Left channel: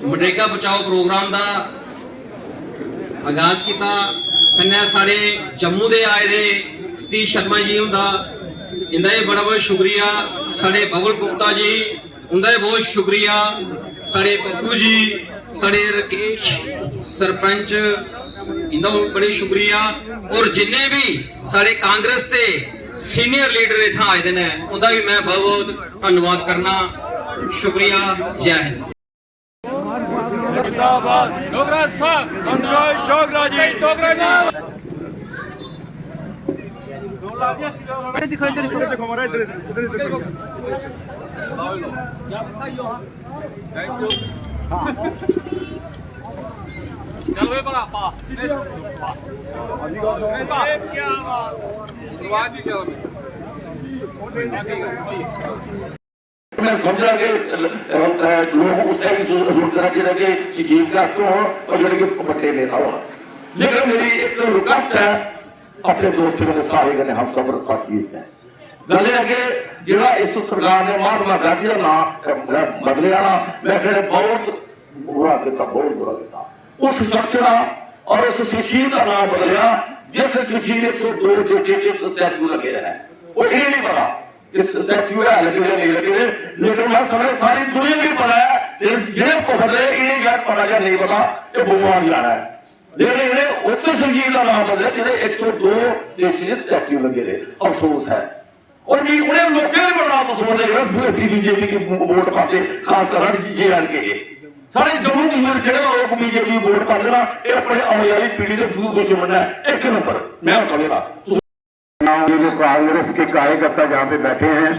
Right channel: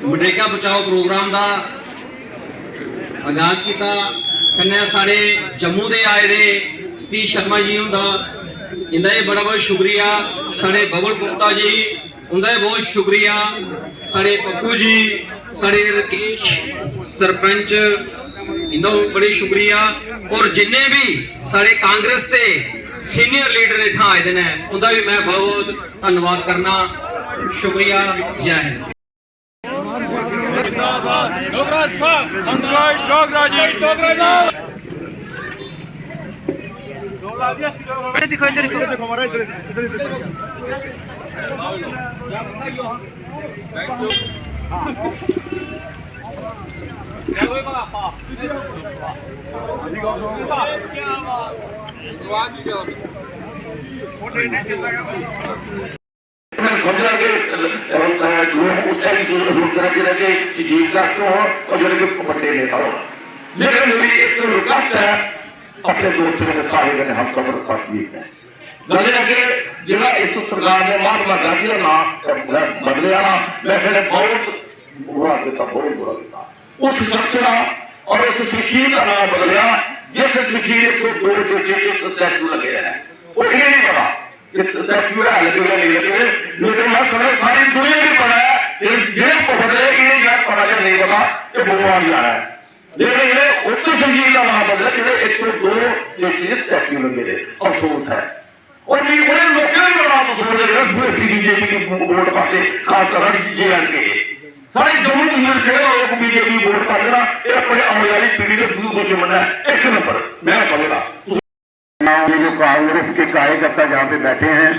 मनरेगा बचाओ प्रोग्राम का आगाज किया। कन्नै साढ़े जम्मू दे आए दे सतीश शर्मा जी उनका इनका बड़ा बहुत शुक्रिया। साढ़े बबुल गुप्ता जी उनका बहुत शुक्रिया। साढ़े पप्पू जी, साढ़े राकेश सरपंच, इनका बड़ी शुक्रिया। और जिन्ने भी साढ़े कांग्रेस के सीनियर लीडर इतना आए हैं उनका भी मैं बहुत बहुत धन्यवाद करना। शुक्रिया। जय हिंद। लेकिन मेरी एक तो रिक्वेस्ट है अपने दोस्तों के सारे हम सब गले अगे जिला इस सरकार ने महात्मा गांधी का बदलिया मैं फिर बहुत बुरा किया, बहुत बुरा किया। उस शख्स का और उस मशीन का नाम बदलिया जिस मशीन 102 के स्टैचू लगे हैं। वो ये नहीं पता इस स्टैचू है लगे नहीं लगे, लेकिन मैं सारी दुनिया नहीं पता है जिन्हें को बदले इन्हें मैं पता नहीं पता कि भगवान क्या है। लेकिन ये उस मशीन का नाम बदला जिन्हें 102 के स्टैचू लगे थे। अफसोस है। और उन्हें लोग क्यों बड़ा समझ रहे बीजेपी की वोट पाते खासकर ये के सारे जम्मू में लोग बीजेपी वोट पाते ना ये अपने आने वाली पीढ़ी के दुश्मन है। एक नंबर मैं समझा ये जो कांग्रेस के कार्यकर्ता जहाँ पे बैठे हैं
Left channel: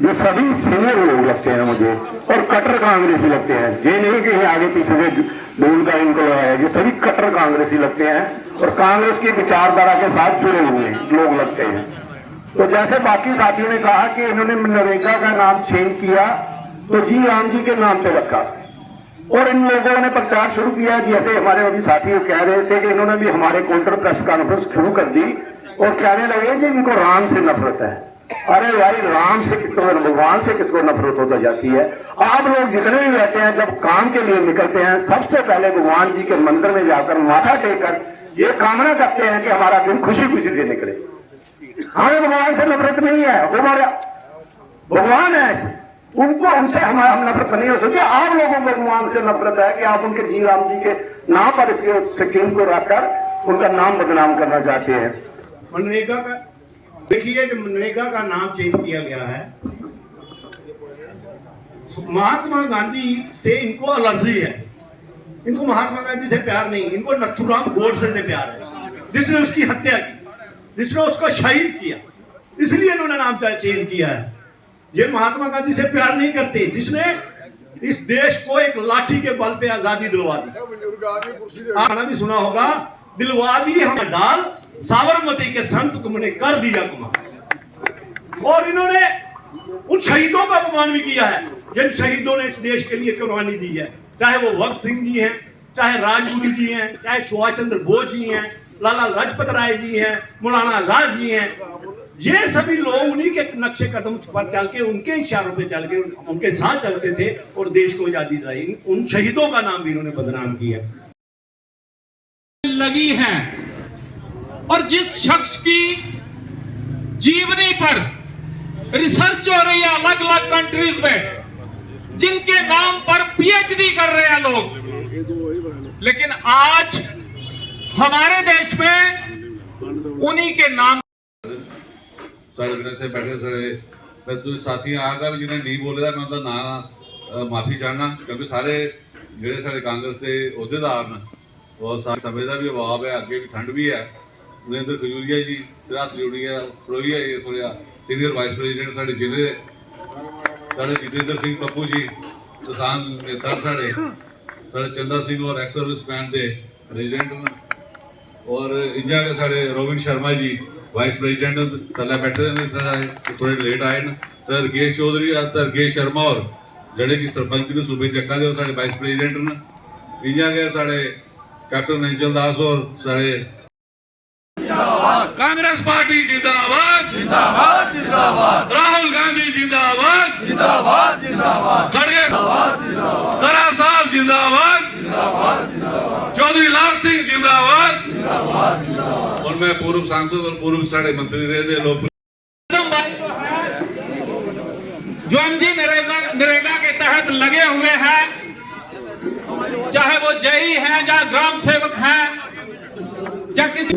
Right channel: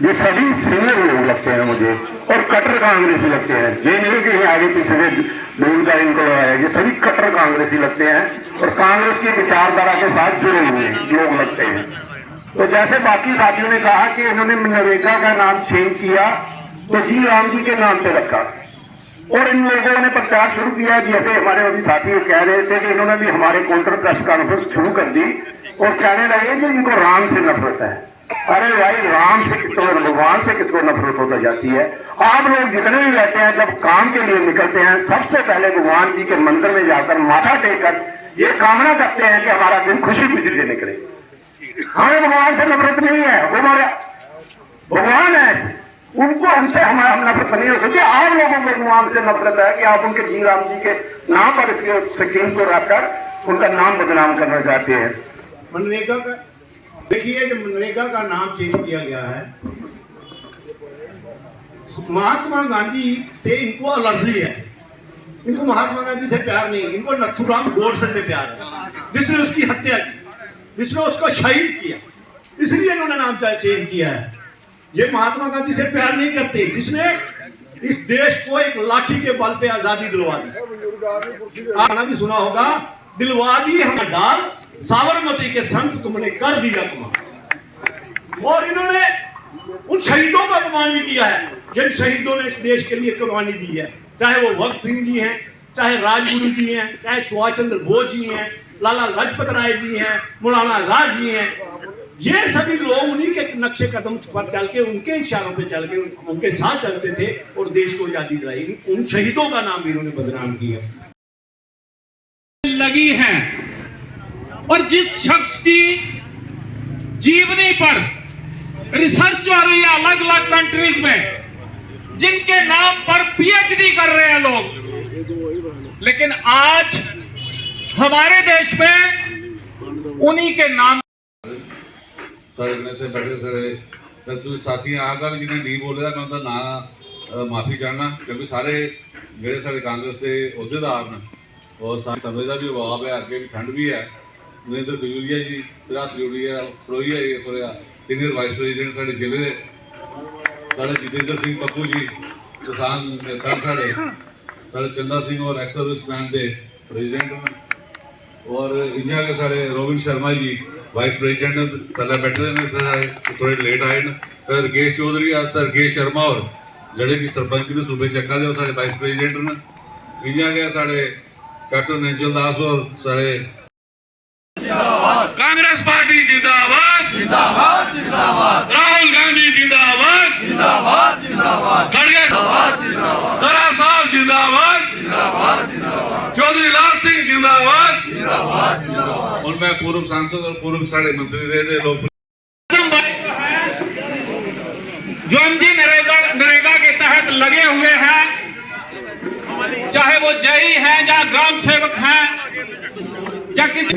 ये सभी सीनियर लोग लगते हैं मुझे और कट्टर कांग्रेसी लगते हैं। ये नहीं कि आगे पीछे से बोलता इनको है, ये सभी कट्टर कांग्रेसी लगते हैं और कांग्रेस की विचारधारा के साथ जुड़े हुए लोग लगते हैं। तो जैसे बाकी साथियों ने कहा कि उन्होंने मनरेगा का नाम चेंज किया तो जी राम जी के नाम पे रखा और इन लोगों ने प्रचार शुरू किया। जैसे हमारे अभी साथी कह रहे थे कि इन्होंने भी हमारे काउंटर प्रेस कॉन्फ्रेंस शुरू कर दी और कहने लगे कि इनको राम से नफरत है। अरे भाई राम से किसको, भगवान से किसको नफरत होकर जाती है। आप लोग जितने भी रहते हैं जब काम के लिए निकलते हैं सबसे पहले भगवान जी के मंदिर में जाकर माथा टेककर ये कामना करते हैं कि हमारा दिन खुशी खुशी से निकले। हमें भगवान से नफरत नहीं है, वो हमारे भगवान है, उनको हमसे हमारा नफरत नहीं है। क्योंकि आप लोगों को भगवान से नफरत है कि आप उनके जी राम जी के नाम पर इसके स्कीम को रखकर उनका नाम बदनाम करना चाहते हैं। मनरेगा का देखिए जब मनरेगा का नाम चेंज किया गया है महात्मा गांधी से इनको एलर्जी है। इनको महात्मा गांधी से प्यार नहीं, इनको नथुराम गोडसे से प्यार है जिसने उसकी हत्या की, जिसने उसको शहीद किया, इसलिए इन्होंने नाम चेंज किया है। ये महात्मा गांधी से प्यार नहीं करते जिसने इस देश को एक लाठी के बल पे आजादी दिलवा दी। आपने भी सुना होगा दिलवा दी हम डाल साबरमती के संत तुमने कर दिया कमाल। और इन्होंने उन शहीदों का अपमान भी किया है जिन शहीदों ने इस देश के लिए कुर्बानी दी है, चाहे वो भगत सिंह जी हैं, चाहे राजगुरु जी हैं, चाहे सुभाष चंद्र बोस जी हैं, लाला लाजपत राय जी हैं, मौलाना आजाद जी हैं। ये सभी लोग उन्हीं के नक्शे कदम पर चल के, उनके इशारों पे चल के, उनके साथ चलते थे और देश को आजादी दिलाई। उन शहीदों का नाम भी इन्होंने बदनाम किया लगी है। और जिस शख्स की जीवनी पर रिसर्च हो रही है अलग अलग कंट्रीज में, जिनके नाम पर पीएचडी कर रहे हैं लोग, लेकिन आज हमारे देश में उन्हीं के नाम बैठे सारे साथी आ गल जिन्हें नहीं बोले मैं उनका ना माफी चाहना क्योंकि सारे जेडे सारे कांग्रेस के अहुदेदार ने और समय का भी अभाव है, अगे भी ठंड भी है। नरेंद्र खजूरिया जी, सिराज खजूरिया प्रोहिया जी, थोड़ा सीनियर वाइस प्रेजिडेंट साढ़े जिले, साढ़े जितेंद्र सिंह पप्पू जी किसान नेता, साढ़े चंदा सिंह और एक्स सर्विस मैन के प्रेजिडेंट और इंडिया के साढ़े Rubin Sharma ji vice president पहले बैठे ने थोड़े लेट आए न। सर राकेश चौधरी राकेश शर्मा और जड़े की सरपंच ने सूबे चक्का दे साढ़े वाइस प्रेजिडेंट ने। इंडिया के साढ़े कैप्टन अंचल दास और साढ़े कांग्रेस पार्टी जिंदाबाद जिंदाबाद जिंदाबाद, राहुल गांधी जिंदाबाद जिंदाबाद जिंदाबाद, खड़गे जिंदाबाद जिंदाबाद, साहब साहब जिंदाबाद, चौधरी लाल सिंह जिंदाबाद। और मैं पूर्व सांसद और पूर्व साढ़े मंत्री रहे थे लोग जो एमजी नरेगा के तहत लगे हुए हैं, चाहे वो जई हैं या ग्राम सेवक हैं या किसी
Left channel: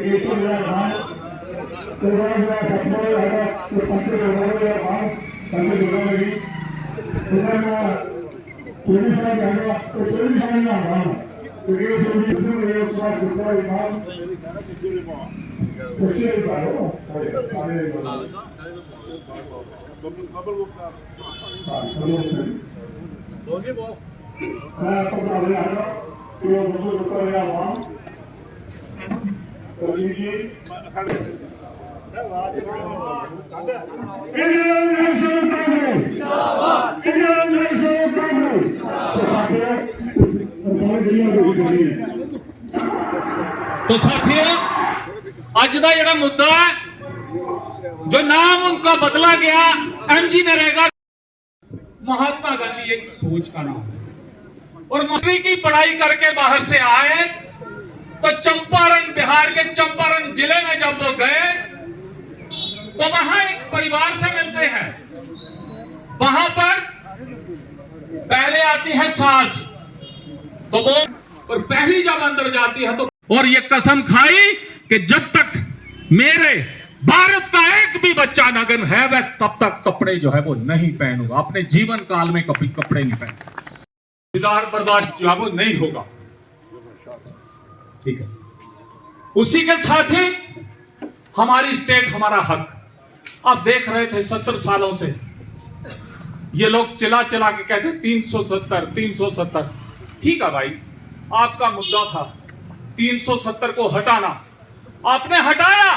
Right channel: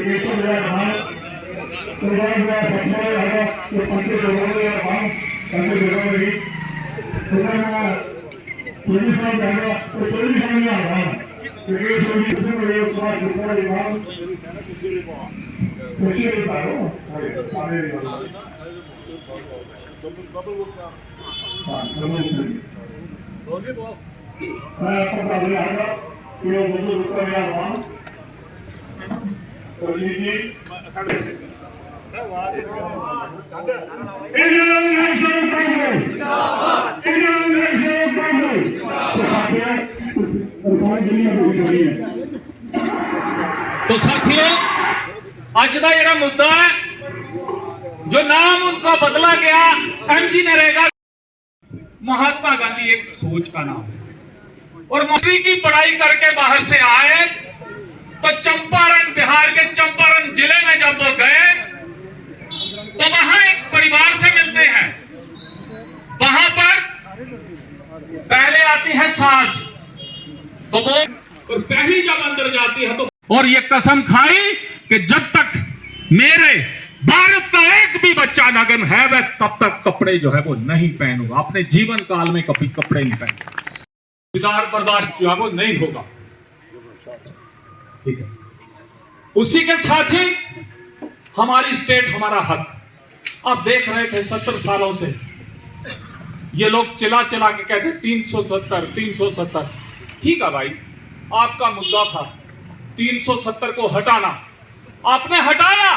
तो साथियों अज का जरा मुद्दा है, जो नाम उनका बदला गया एमजी नरेगा, महात्मा गांधी एक सोच का नाम है। और मास्टरी की पढ़ाई करके बाहर से आए तो चंपारण, बिहार के चंपारण जिले में जब वो गए तो वहां एक परिवार से मिलते हैं। वहां पर पहले आती है सास, तो वो और पहली जब अंदर जाती है तो और ये कसम खाई कि जब तक मेरे भारत का एक भी बच्चा नग्न है वह तब तक कपड़े जो है वो नहीं पहनूंगा, अपने जीवन काल में कभी कपड़े नहीं पहनूंगा, विदार बर्दाश्त जो है वो नहीं होगा। ठीक है, उसी के साथ ही हमारी स्टेट, हमारा हक। आप देख रहे थे 70 सालों से ये लोग चिल्ला चिल्ला के कहते 370 370। ठीक है भाई, आपका मुद्दा था 370 को हटाना, आपने हटाया,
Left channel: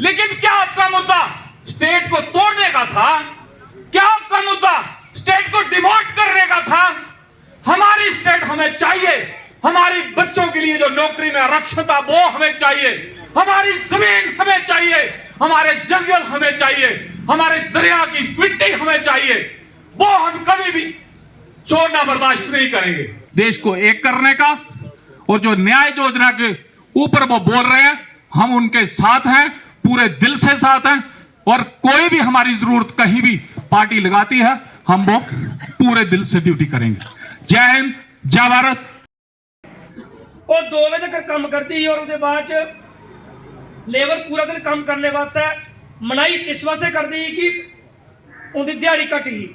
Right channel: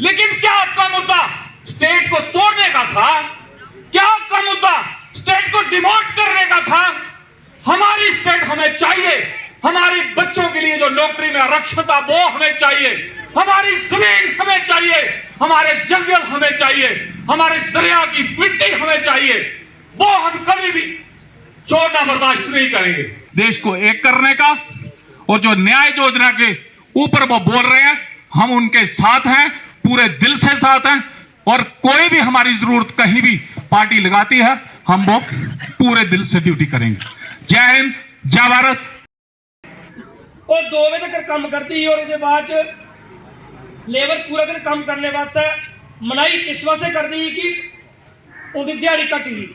लेकिन क्या आपका मुद्दा स्टेट को तोड़ने का था? क्या आपका मुद्दा स्टेट को डिमोट करने का था? हमारी स्टेट हमें चाहिए, हमारे बच्चों के लिए जो नौकरी में आरक्षण था वो हमें चाहिए, हमारी जमीन हमें चाहिए, हमारे जंगल हमें चाहिए, हमारे दरिया की मिट्टी हमें चाहिए, वो हम कभी भी छोड़ना बर्दाश्त नहीं करेंगे। देश को एक करने का, और जो न्याय योजना के ऊपर वो बोल रहे हैं, हम उनके साथ हैं, पूरे दिल से साथ हैं, और कोई भी हमारी जरूरत कहीं भी पार्टी लगाती है हम वो पूरे दिल से ड्यूटी करेंगे। जय हिंद, जय भारत। ਉਹ 2 ਵਜੇ ਤੱਕ ਕੰਮ ਕਰਦੀ ਸੀ, ਔਰ ਉਹਦੇ ਬਾਅਦ ਚ ਲੇਬਰ ਪੂਰਾ ਦਿਨ ਕੰਮ ਕਰਨੇ ਵਾਸਤੇ ਮਨਾਈ ਇਸ ਵਾਸਤੇ ਕਰਦੀ ਸੀ ਕਿ ਉਹਦੀ ਦਿਹਾੜੀ ਘੱਟ ਗਈ।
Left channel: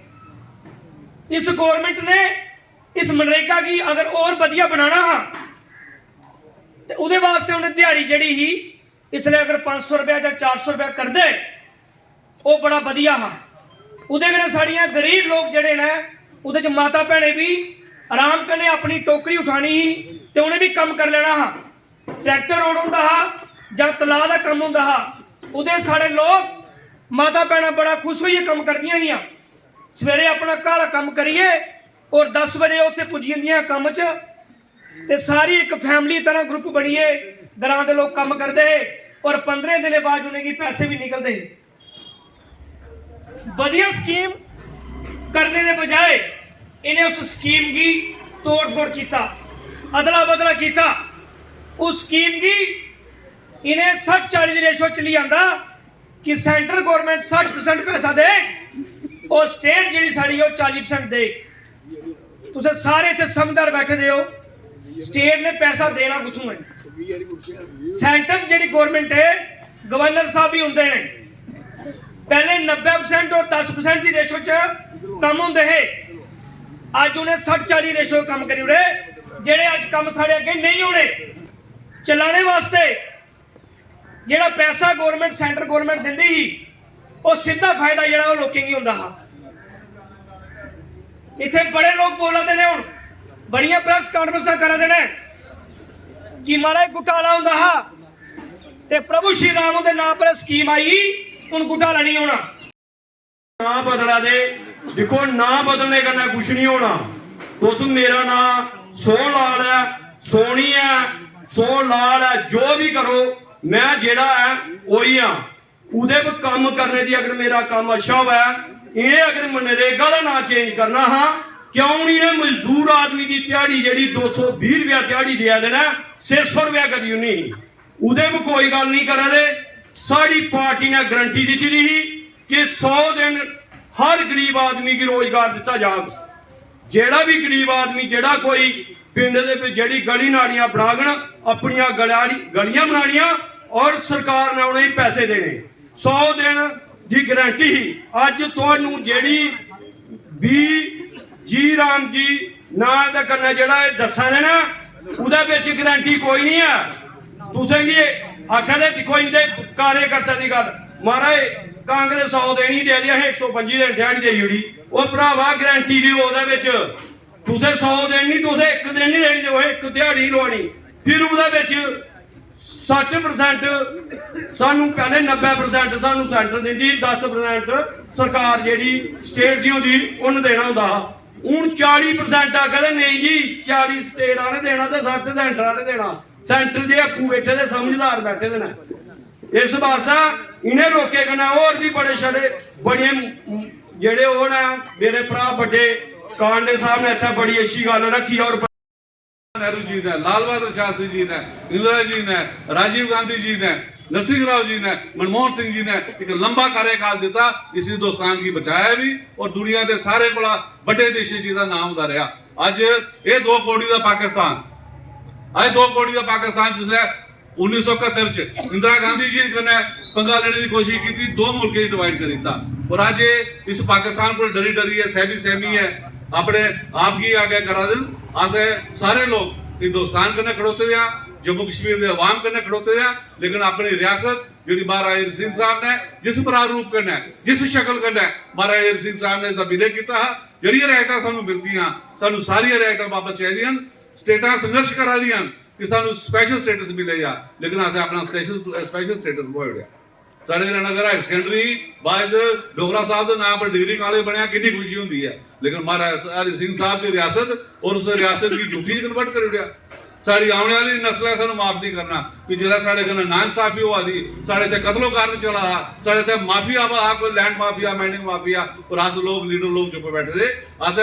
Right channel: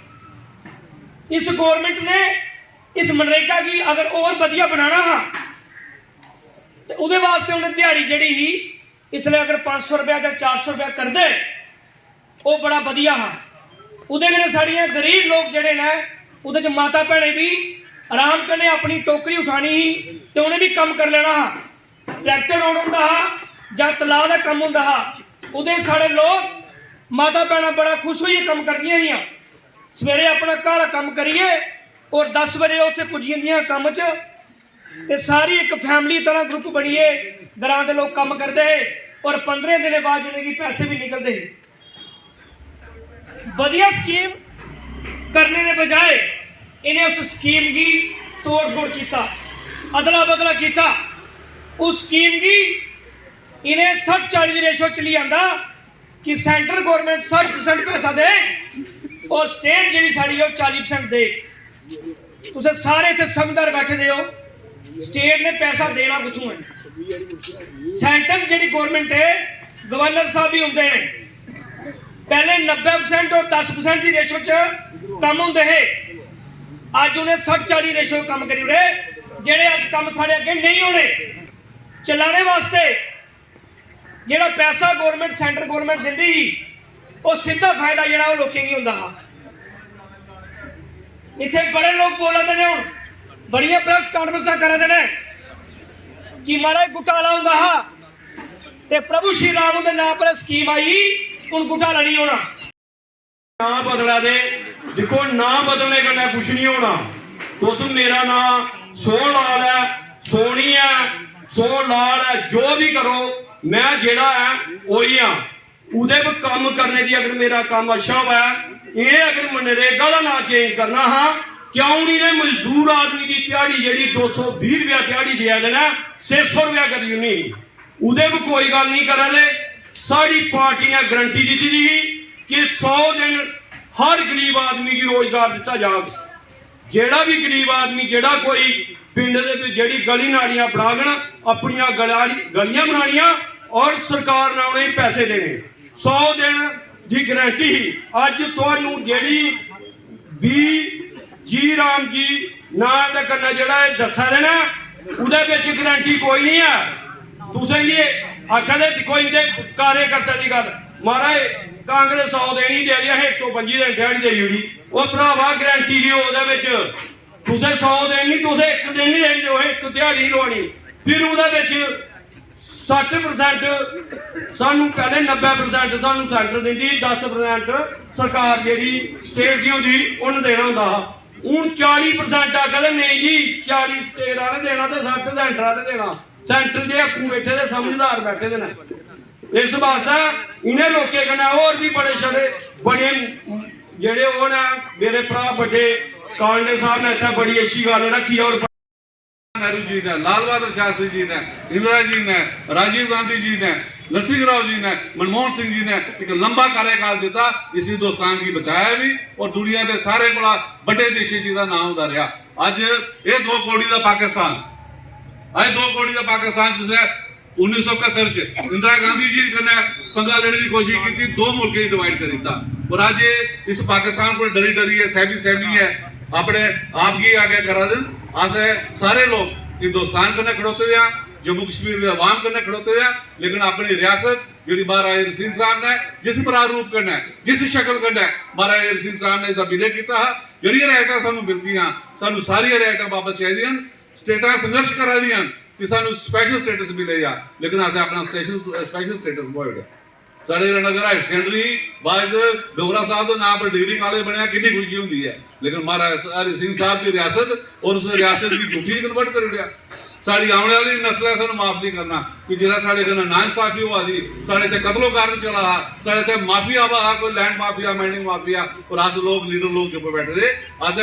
ਇਸ ਗਵਰਨਮੈਂਟ ਨੇ ਇਸ ਮਨਰੇਗਾ की अगर और ਵਧੀਆ बनाना हा ਤੇ ਉਹਦੇ ਵਾਸਤੇ ਉਹਨੇ ਦਿਹਾੜੀ ਜਿਹੜੀ ਸੀ इसलिए अगर 500 रुपया ਜਾਂ 400 रुपया कर दे ਉਹ बड़ा ਵਧੀਆ हा। ਉਹਦੇ ਨਾਲ ਸਾਡੀਆਂ गरीब लोग ਜਿਹੜੇ ਨੇ ਉਹਦੇ ਚ माता भैने भी आराम करने अपनी टोकरी उठानी ही तो उन्हें भी कम कर लेना हा। ट्रैक्टर रोड होंदा हा जां तलाह दा कम होंदा हा, उहदे सारे लोग माता भैणां बड़ा खुश होइए कम करदियां हियां। सवेरे अपना घर कम करिए और 10 बजे उत्थे पुज्जी जंदियां कम च, ते सारी एक फैमिली तरह ग्रुप बनिए, ग्रां दे लोग कम करदे और 15 दिन बाद उन्हें की पैसे भी निकलते। वधिया स्कीम करने के बजाय इन्हें उस स्कीम की तोड़ फोड़ किया, अदला बदला किया। उस स्कीम की इन्हें 60-40 की रेशो चली आंदा कि सेंट्रल गवर्नमेंट 60% पैसा दे और स्टेट जी साड़ी 40% दे। तुम सारे इतने समझदार बैठे दे हो, स्टेट ने पैसा देना कुथों है? सेंट्रल जी गवर्नमेंट है, गवर्नर साहब भी होंगे ने, पहले 90% और 10% की रेशो च कम होंगे है, अज उन्हें 60-40 रेशो कम करी उड़े। जेड़े अज कम साढ़े अगे नहीं होने चलाने वास्ते जेड़ा पैसा गवर्नमेंट सेंट्रल गवर्नमेंट दिंदी ही वो सीधा फायदा जेड़ा वो लोकें की होंदा हा। इत्थे बड़े लोग बोलते ने, हुण बड़ियां प्रेस कॉन्फ्रेंसां करदे ने कि महाराज घोटाला होंदा हा ते प्रभु श्री राम दे नाम पर स्कीम आई, हुण घोटाला नहीं होना। ना बदला दे, देखो ना बदलने का कुछ नहीं होना। तुम मेरा नाम सोहन लाल है, सोनी है, सोहन लाल है, जो भी करो मैं जेड़ा है वही हाँ। उहदे पर काम करने की अगर मेरा काम अच्छा हुआ, ये अगर मनरेगा का नाम चेंज करना हाँ क्यों नहीं ने मजदूर आदमी की दिहाड़ी जी 220 रुपया दिहाड़ी दिया देना 600 रुपया कदी नहीं उदे भी कोई गल नहीं करा दे। सारी पार्टी ने गारंटी दी थी कि 100 दिन हर गरीब आदमी की रोजगार दिता जाएगा। जेड़ा भी गरीब आदमी जेड़ा कोई पिंड दे जेड़ी गली नालियां बनागन अपनियां गलियां बनानियां और सरकार ने उन्हें पैसे देने 100 दिन की गारंटी ही। अज तुहानू जेड़ी भी जी राम जी ना दा कन्नै जेड़ा दस्सा दे ना उहदे विच गारंटी कोई नहीं है। तुसें भी आखा दे कोई इनके कार्यकर्ता की गल महाराज कांग्रेस 100 दिन ही दे दी 125 दिन दिहाड़ी देई ओड़ी वो भरावा गारंटी दी ओहदे विच तुसें 100 दिन नहीं तुसें एक दिन नहीं देनी जो एक दिहाड़ी लवानी फिर ओहदे विच 60% सानू पहले 90% सानू सेंटर दिंदी 10% सरकार जेहड़ी स्टेट दी होंदी उन्हें देना होंदा हूं 40% आखदे नहीं जी 40 स्टेट वाले देना ते 60 सेंटर वाले देना। सेंटर जे अप्पू बैठे दे समझदार बैठे दे न इस वास्ते इन्हें लोकें कन्नै होर भी बड़े छड़े बड़े जेड़े ओह ने मेरे भरा बड़े कांग्रेस साहब ने इत्थे बड़ी अच्छी गल रखी और नेहरू जी ने, लाल बहादुर शास्त्री जी ने, इंदिरा जी ने, राजीव गांधी जी ने, नरसिंह राव जी ने, मनमोहन सिंह जी ने एक लंबा कार्यकाल दिता इस हिंदुस्तान की बचाया भी और दुनिया के सारे कोला बड़े देशी जी का नाम होता रहा। अज ये 2 करोड़ का पाकिस्तान अज 2 करोड़ का पाकिस्तान जिसने 1971 च इंदिरा गांधी जी कन्नै पंगा लेने की कोशिश की 2 मुल्कें डिवाइड कर दिता और अज इस पाकिस्तान को डरी डरी है सहमी है अपने आप की आगे करा दिन अस सारे लोग हिंदुस्तान कन्नै खड़ोते दे जम्मू कश्मीर के अवाम कन्नै खड़ोते दे लेकिन अपनी रियासत जी महाराजा हरि सिंह साहब ने जिस प्रारूप कन्नै जिस शक्ल कन्नै महाराजा हरि सिंह साहब ने इसका विलय किया जी रियायत सानू मिलदियां सानू सारी रियायत वापस चाहिए स्टेटां संघर्ष करा दियां कि सानू स्पैशल स्टेटस मिले जा लेकिन असें अपना स्पैशल स्टेटस मोड़िया। साढ़े नगर हायर सकैंडरी बाद डोगरा साहब के नाम पर डिग्री कॉलेज बनया कितनी खुशी होंगी है लेकिन महाराजा हरि सिंह साहब की रियासत और उस रियासत की झूठी कन्वर्ट कर दिया। साड़ी आने वाली नस्ल है सानू माफ नहीं करना कि जिला साढ़े कन्नै नाइंसाफी हुआ दी साढ़े ते कत्लो कारज चला हा साढ़े ते माफिया वा कोई लैंड माफिया माइनिंग माफिया और अस लोग लीडर लोग चुप बैठे दे अस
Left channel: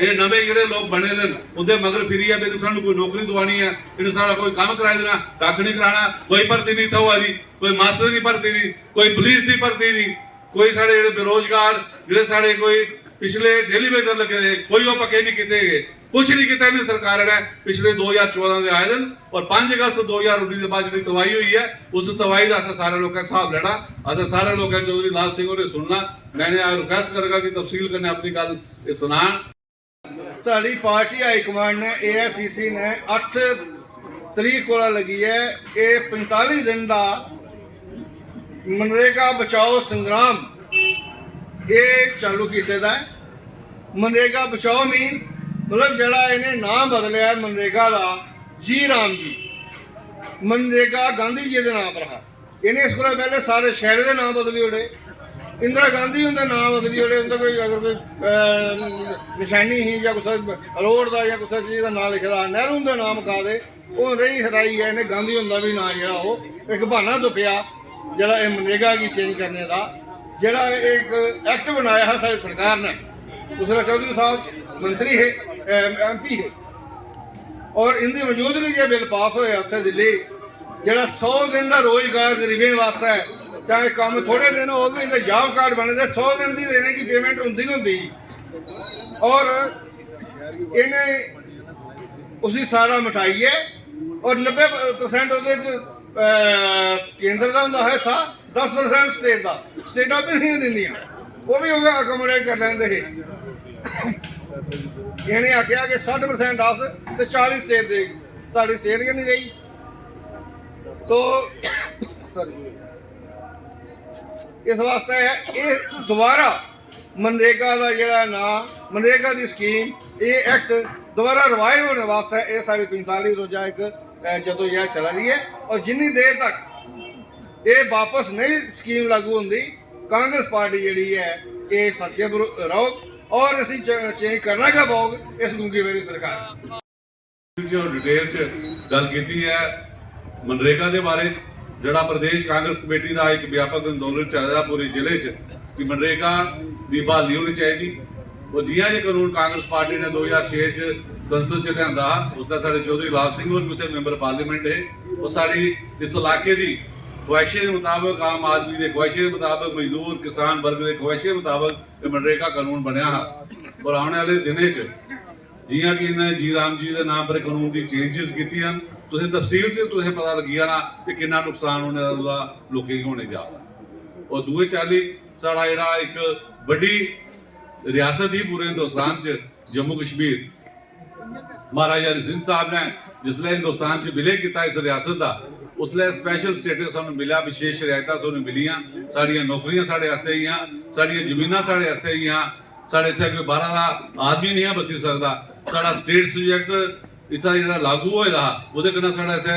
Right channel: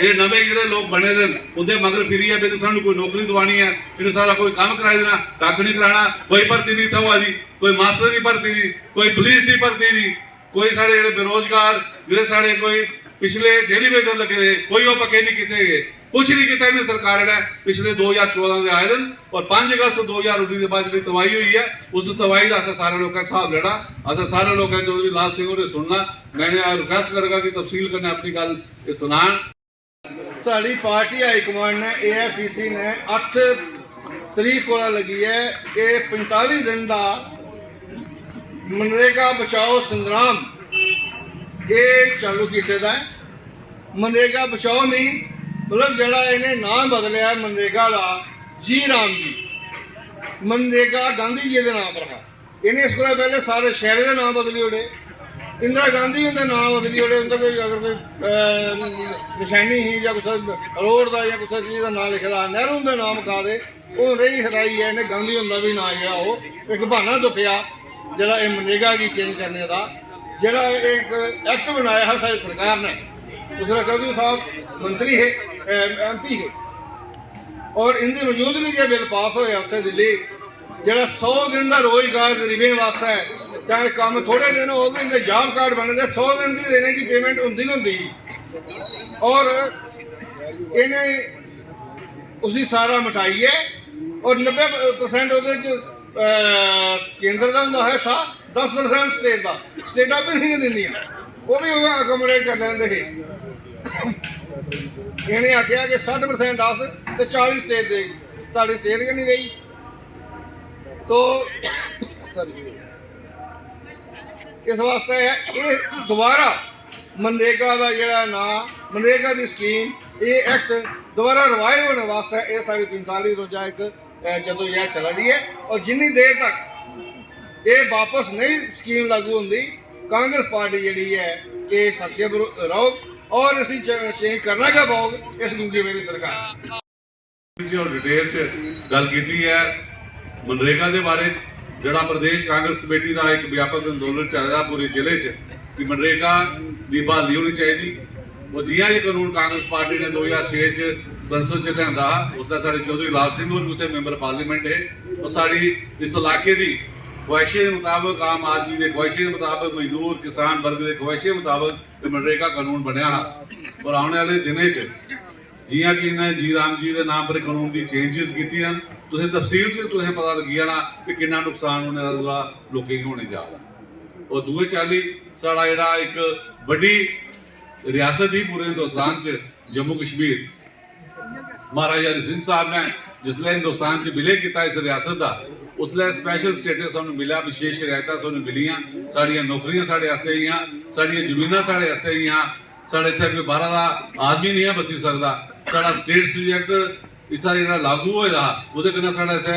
ये नवे जेडे लोग बने दे उनके मगर फिरिए भी सानू कोई नौकरी दवानी है इन्हें सारा कोई काम कराई देना कख नहीं कराना कोई भर्ती नहीं हुआ दी कोई मास्टर की भर्ती नहीं कोई पुलिस की भर्ती नहीं कोई साढ़े जेडे बेरोजगार जेडे साढ़े कोई पिछले डेली वेजर लगे दे कोई वो पक्के नहीं किए गए कुछ नहीं किया इन्हें सरकार ने पिछले 2014 के आए दिन और 5 अगस्त 2019 के बाद जी तबाही हुई है उस तबाही का असा सारे लोगों का हिसाब लेना असा सारे लोग चौधरी लाल सिंह ने सुनना। मैंने रिक्वेस्ट करेगा कि तफसील करने अपनी गल सुना। साड़ी पार्टी हाईकमांड ने AICC ने 8 तरीक को लगी है ये 45 दिन का मनरेगा बचाओ संग्राम ये चालू किया। मनरेगा बचाओ मीन मतलब जड़ा इन्हें नाम बदलिया है मनरेगा का जी राम जी मनरेगा गांधी जी के नाम पर रहा इन्हें इसको पहले सारे शहर के नाम बदली ओड़े इंदिरा गांधी उनके नाम बदली ओड़े उनका कोई अगर कोई निशानी ही या कुछ रोड का या कुछ चीज़ का नाम लिखे दा नेहरू उनका नाम का दे वो रही हराई है इन्हें गांधी उनका भी नाम जरा वो एक बहाना तुप्या जरा मनरेगा की चेंज करने का जरा एक एक्ट बनाया है सारी सरकार ने उसमें चौधरी साहब मंत्री है MP है और इनकी मौजूदगी जो बिल पास होया उत्थे दिल्ली जरा 100 दिन का रोजगार गरीबें वास्ते है चाहे काम थोड़े दिन हो गए इनके जॉब कार्ड बने थे 100 दिन की देने की पेमेंट होंगी और इन्हें उसी सारा मिटाई है और 90% केंद्र का होंगे हिस्सा 10% स्टेट का स्टेटा भी नहीं देंदियां वो भी अकोमोडेट कर लेंगे इन्हें आख्या कि 60% अस तो 40 स्टेट दे साड़ी स्टेट गै नहीं गई तो इस वास्ते ये दोबारा मनरेगा का जोड़ा ना मनरेगा की स्कीम ये एक्ट दोबारा रिवाइव होने वास्ते ये साड़ी 45 रोजा एक जदोजहद चला रही है और जिन्नी देर तक ये वापस नहीं स्कीम लागू होंगी कांग्रेस पार्टी जी है ये फर्के रहो और इसी चेंज करना क्या पाओगे इस लूंगी मेरी सरकार डिटेल च गल की है मनरेगा के बारे जड़ा प्रदेश कांग्रेस कमेटी का एक व्यापक अंदोलन चल रहा पूरे जिले च कि मनरेगा की बहाली होनी चाहिए ਉਹ ਜਿਹਾਂ ਇਹ ਕਾਨੂੰਨ ਕਾਂਗਰਸ ਪਾਰਟੀ ਨੇ 2006 ਚ ਸੰਸਦ ਚ ਲਿਆਂਦਾ, ਉਸਦਾ ਸਾਡੇ ਚੌਧਰੀ ਲਾਲ ਸਿੰਘ ਹੋਰ ਵੀ ਉੱਥੇ ਮੈਂਬਰ ਪਾਰਲੀਮੈਂਟ ਹੈ। ਉਹ ਸਾਡੀ ਇਸ ਇਲਾਕੇ ਦੀ ख्वाहिशें के मुताबिक, आम आदमी के ख्वाहिशें के मुताबिक, मजदूर किसान वर्ग के ख्वाहिशें के मुताबिक मनरेगा कानून बनया है। और आने वाले दिनों च जियां कि इन्हें जी राम जी के नाम पर कानून की चेंजिस की तुसें तफसील से तुसें पता लगी जाना कि कितना नुकसान होने का लोगों को होने जा रहा। और दूए चाली साड़ा जेह्ड़ा एक बड़ी रियासत ही पूरे हिंदुस्तान च जम्मू कश्मीर, महाराजा हरि सिंह साहब ने जिसले हिंदुस्तान च विलय किया इस रियासत का, उसले स्पैशल स्टेटस सानू मिला, विशेष रियायतां सानू मिलियां, साड़ियां नौकरियां साढ़े आस्ते ही, साड़ियां जमीनां साढ़े आस्ते ही, साढ़े इत्थे कोई बाहर दा आदमी नहीं बसी सकदा। साढ़ा स्टेट सब्जैक्ट इत्थै जेह्ड़ा लागू होए दा ओह्दे कन्नै साढ़ा इत्थे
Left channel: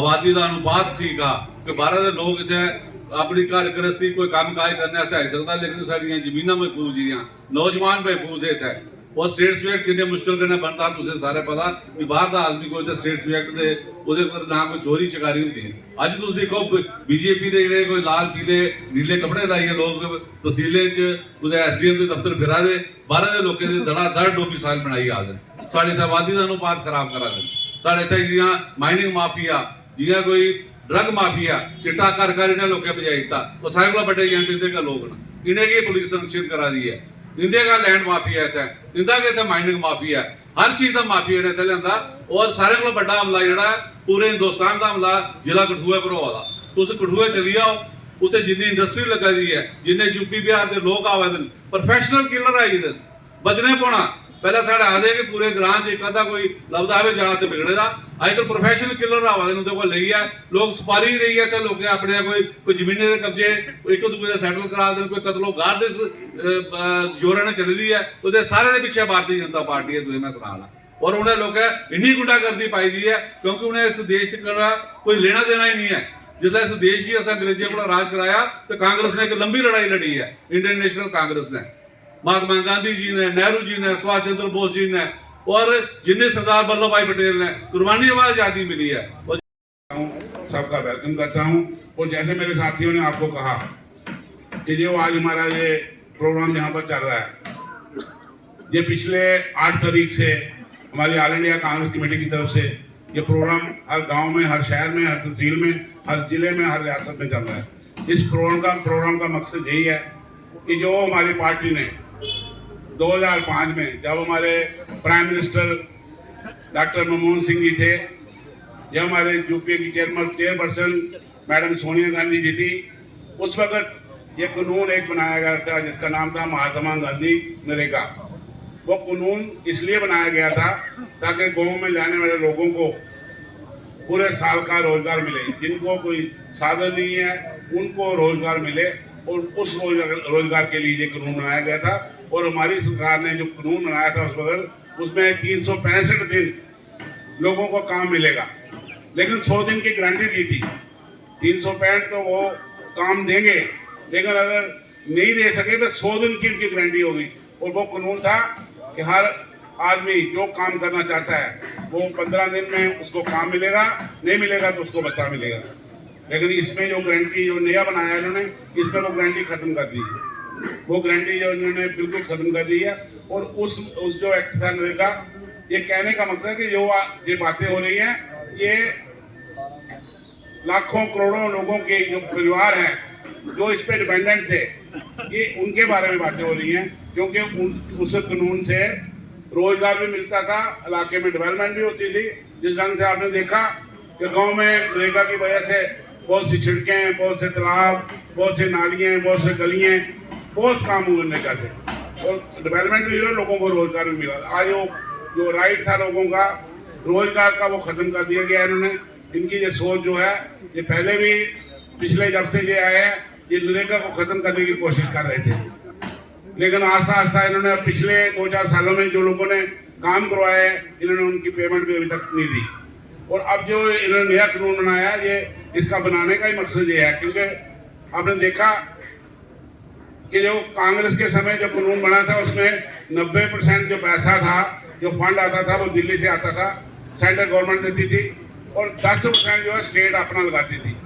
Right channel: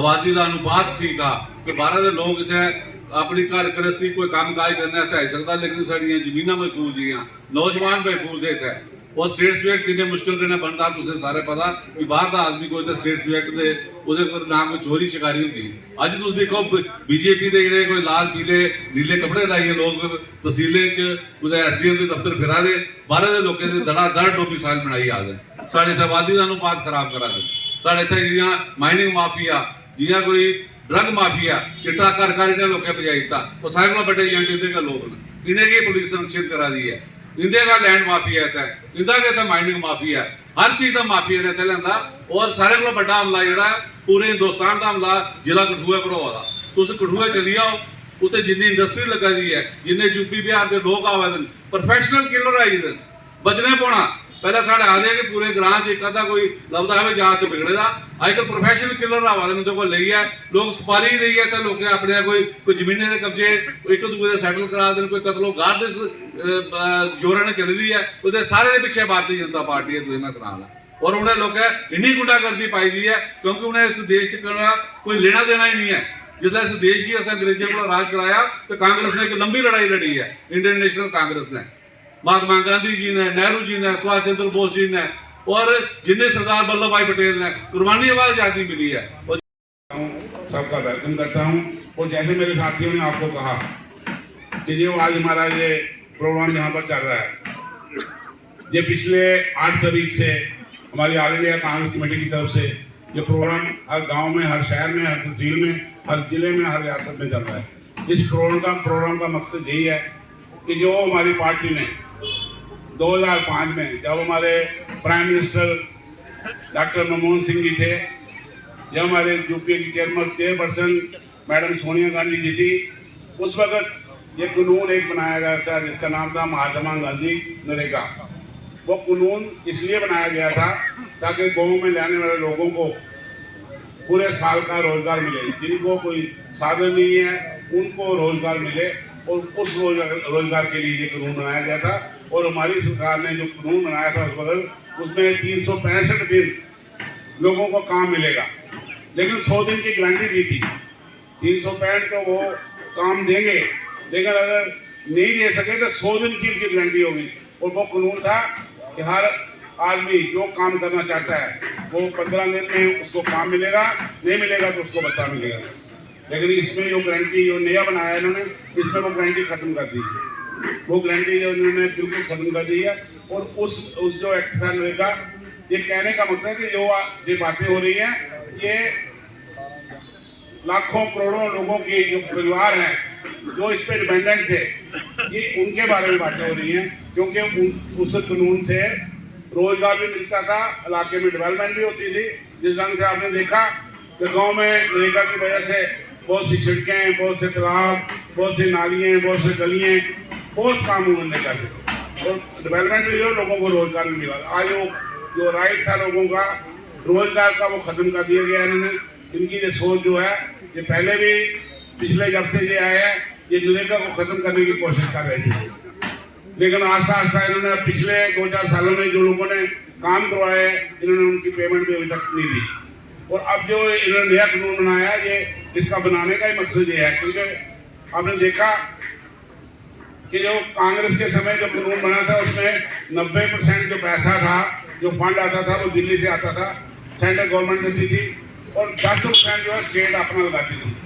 आबादी दा अनुपात ठीक आ कि बाहर दे लोग इत्थे अपनी घर गृहस्थी कोई कम्म काज करने आस्तै आई सकदा, लेकिन साड़ियां जमीनां महफूज ही, नौजवान महफूज है इत्थे। और स्टेट सब्जैक्ट किन्ने मुश्किल कन्नै बनदा तुसें सारे पता कि बाहर दा आदमी कोई स्टेट सब्जैक्ट दे ओह्दे कोल ना कोई चोरी चकारी होंदी। अज्ज तुस दिक्खो बीजेपी दे जेह्ड़े कोई लाल पीले नीले कपड़े लाइयै लोग तहसीलें च कुदै SDM दे दफ्तर फिरा दे, बाहर दे लोकें दे धड़ाधड़ डोमिसाइल बनाई आ दे, साढ़े इत्थे आबादी दा अनुपात खराब करा दे। साढ़े इत्थे जियां माइनिंग माफिया, जियां कोई ड्रग माफिया, चिट्टा घर घर इन्हें लोकें पजाई दित्ता, ओह् सारे कोला बड्डे एजेंट इंदे गै लोग न, इन्हें गी पुलिस संरक्षित करा दी है। इंदे का लैंड माफिया है, इंदा के माइनिंग माफिया है, हर चीज का माफिया ने इत्थे लिआंदा। और सारे कोला बड़ा हमला जेह्ड़ा पूरे हिंदुस्तान का हमला जिला कठुआ पर होआ दा। तुस कठुआ चली जाओ, उत्थे जिन्नी इंडस्ट्री लगा दी है, जिन्ने यूपी बिहार के लोग आवे दे, प्रोफैशनल किलर आई दे, बचने पौना। पहले साढ़े आखदे कि पूरे ग्रां च एक अद्धा कोई लभदा है जात बिगड़े दा, अजकल प्रोफैशनल किलर आवा दे, उंदे कोल लेइयै लोग सुपारी देइयै ते लोकें अपने कोई जमीनें दे कब्जे एक दूए दे सैटल करा दे, कोई कतलो गार दे जोरां ने चली दी है, ओह्दे सारे दे पिच्छे भारतीय जनता पार्टी है, तुसें मैं सनाना। और उन्हें लोकें इन्नी गुंडागर्दी पाई दी है क्योंकि उन्हें इस देश का कोई लेना देना ही नहीं है। जिसलै इस देश की असें अंग्रेजें को राज कराया तो कांग्रेस ने एक लंबी लड़ाई लड़ी है, इंडियन नेशनल कांग्रेस ने, महात्मा गांधी जी ने, नेहरू जी ने, सुभाष चंद्र बोस जी ने और जिन्हें सरदार वल्लभ भाई पटेल ने कुर्बानी आवाज आज़ादी मिली है। सबका वेलकम करता हूं। और जैसे मेरे साथियों ने आपको कहा कि जो आज हमारा ये प्रोग्राम यहाँ पर चल रहा है, ये पिछले 8 तारीख से हमारी ऑल इंडिया कांग्रेस कमेटी की तरफ से ये प्रोग्राम हर गांव में, हर शहर में, हर तहसील में, हर जिले में, हर रियासत में चल रहा है। इस प्रोग्राम का मकसद यही है कि जो हमारी पार्टी ने 2005 में जब हमारे prime minister doctor Manmohan Singh ji थे, जब हमारे यूपीए की चेयरपर्सन मैडम सोनिया गांधी जी थी, उस वक्त ये कानून एक बनाया गया था जिसका नाम था महात्मा गांधी नरेगा। वो कानून इसलिए बनाया गया था ताकि गाँव में रहने वाले लोगों को पूरे साल का रोजगार मिले, जिनको कोई साधन नहीं है उनको रोजगार मिले, और उस रोजगार के लिए ये कानून बनाया गया था। और हमारी सरकार ने जो कानून बनाया था उस वक्त उसमें 365 दिन लोगों को काम मिलेगा, लेकिन 100 दिन की गारंटी दी थी। 365 तो वो काम देंगे, लेकिन अगर नहीं दे सके तो 100 दिन की उनकी गारंटी होगी। और वो कानून था कि हर आदमी जो काम करना चाहता है वो 15 दिन में उसको काम मिलेगा, नहीं मिलेगा तो उसको भत्ता मिलेगा। लेकिन इसमें जो गारंटी जो नया बनाया इन्होंने, इसमें वो गारंटी खत्म कर दी है, वो गारंटी जो इन्होंने बिल्कुल खत्म कर दी है। और उस जो एक्ट था नरेगा, ये कहने का मतलब है कि जो ये बातें हो रही हैं, ये लाखों करोड़ों लोगों के जो परिवार हैं जो इस पे डिपेंडेंट थे, ये उनके बारे में बातें हो रही हैं, क्योंकि उस कानून से रोजगार भी मिलता था, इलाके में डेवलपमेंट भी होती थी। जिस ढंग से आपने देखा कि गांव में नरेगा की वजह से बहुत सी सड़कें, बहुत से तालाब, बहुत से नालियाँ, बहुत से गलियाँ, बहुत काम हुए नरेगा से, और डेवलपमेंट भी हुई, लोगों को रोजगार भी मिला। आज जो राइट था लोगों का रोजगार का, वो खत्म कर दिया गया इन्होंने। इनकी ये सोच जो है, ये पहले भी पिछले जब से ये आए हैं, ये नरेगा को खत्म करने की कोशिश कर रहे थे, लेकिन आस्ता आस्ता इन्होंने पिछले 2-4 सालों में जो लोगों ने काम करवाए इन्होंने उनकी पेमेंट भी अभी तक नहीं दी। और अब जो इन्होंने नया कानून बनाया, ये इसका बनाने का ही मकसद ये है, क्योंकि आपने देखा कि जो कांग्रेस के समय जो कानून बना था उसमें 90% जो पैसा था, जो फंड आता था, वो दिल्ली से आता था, सेंट्रल गवर्नमेंट देती थी, और 10% जो है स्टेट अपना लगाती थी।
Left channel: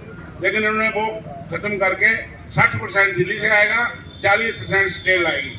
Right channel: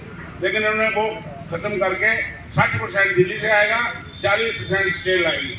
लेकिन इन्होंने वो खत्म करके 60% दिल्ली से आएगा, 40% स्टेट लाएगी।